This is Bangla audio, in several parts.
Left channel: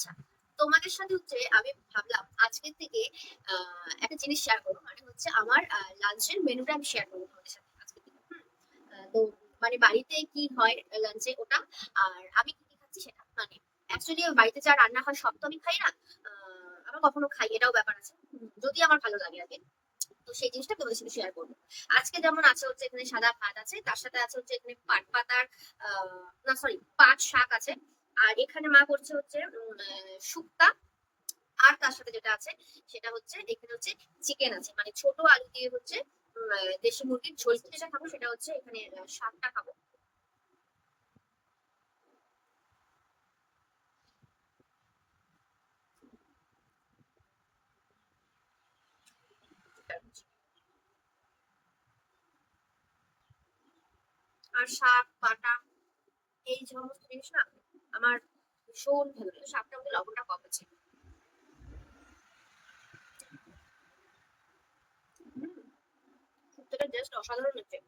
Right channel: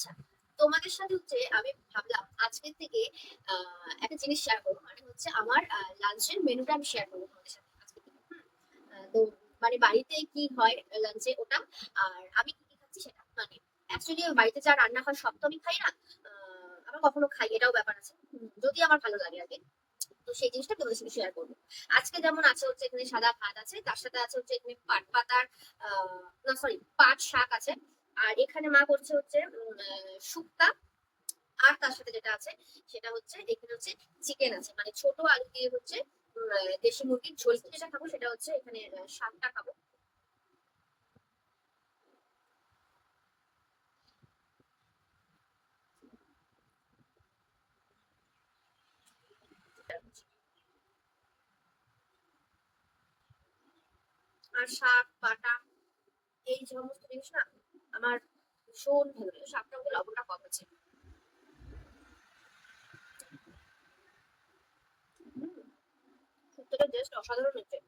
আচ্ছা, তোমাদের সাথে হচ্ছে আমি ভাবলাম আজকের থেকে একটা জিনিস শেয়ার করবো, মানে হচ্ছে আমার লাঞ্চের মেনুটা আমি শেয়ার করবো তোমাদের সাথে আজকে থেকে। তো মানে বাড়িতে কি হয় লাঞ্চে ওটা, আর আমি কি কি খাচ্ছি সেটা। মানে অ্যাকচুয়ালি বাড়িতে যা রান্না হয় সব তো আমি খাই না, আবার কখনো খাই, এটাও ব্যাপার আছে। যদি আমার ভালো লাগে আর কি, তো সেই জিনিসটা তোমাদের সাথে শেয়ার করবো। আজকে যেমন আছে হচ্ছে এখানে সাদা ভাত আছে, তার সাথে আছে হচ্ছে এখানে পাট পাতার না সরি পাট শাক আছে। আর এখানে মা করছে হচ্ছে শুক্তা। আর তার সাথে যেটা আছে সেটা হচ্ছে এখানে হচ্ছে চিকেন আছে, মানে ছোট আলু দিয়ে হচ্ছে দেশি মুরগির ঝোল যেটা খাবো সেটা হচ্ছে এখানে শাকটা খাবো। আর শাক পাটা এই সমস্ত জিনিস না আমার ভীষণ ভালো লাগে। শাকটা মধ্যে লবণটা কম আছে। শুক্তোটা জাস্ট অসাধারণ হচ্ছে।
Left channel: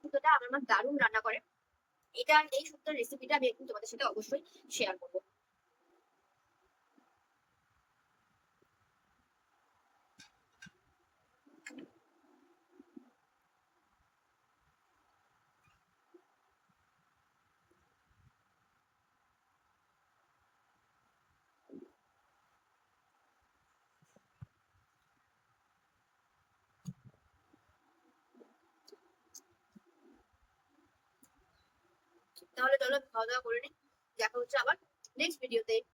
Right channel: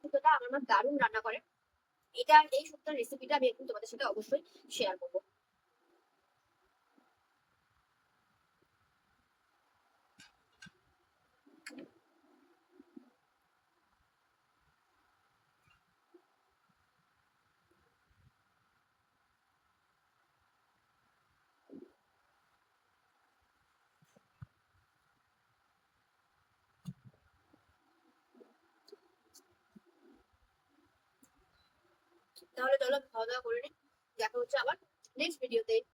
শুক্তোটা আমার মা দারুণ রান্না করে। এটা এই শুক্তোর রেসিপিটা আমি একদিন তোমাদের সাথে অবশ্যই শেয়ার করবো। তাহলে চলো খাওয়া দাওয়া করে নিই, দেখা হচ্ছে আবার নেক্সট ভিডিওতে।